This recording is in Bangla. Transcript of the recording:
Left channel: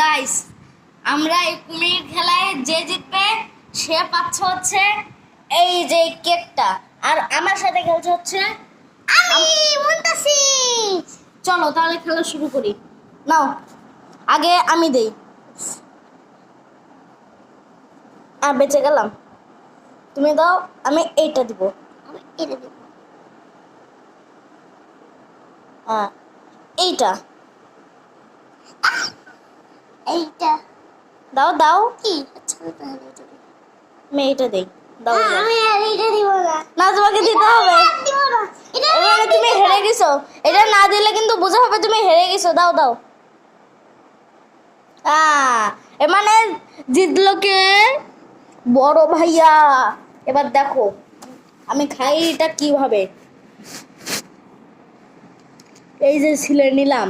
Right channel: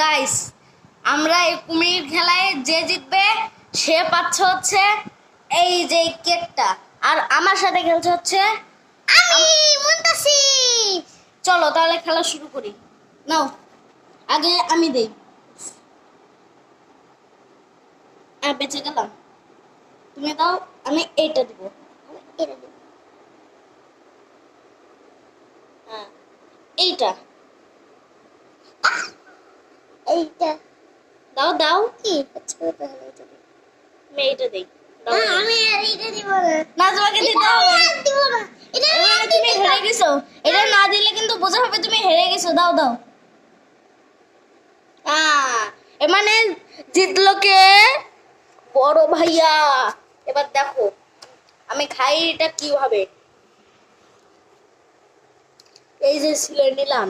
গাইস, আমরা এই কুমির খেলায় যে জিতবে সে পাচ্ছে হচ্ছে এই যে কেকটা, আর আমার সাথে খেলছে হচ্ছে আমি মুনতাসির। চলো তাহলে খেলা শুরু করি। নাও, আগে আমি দেই। বেঁচে গেলাম, তুমি দাও। আমি এইটা দিব। আমি এটা দিব। এইটা এইটা দাও দাও। কি আচ্ছা তাহলে এটা দিব। আমি এইটা দেই। দাও দাও। আমি আর এটা দিব না। না, তোমাকে দিতে হবে। আর দিব না। এটা মানে তুমি হেরে গেছো। এটা না দিলে কিন্তু বোঝা হবে তুমি হেরে গেছো। দাও দাও। মানে জিতলো কে? বড় ভাইয়া। এবার দেখো আমি খাই এটা কিভাবে। এই যে ছিলে নিলাম।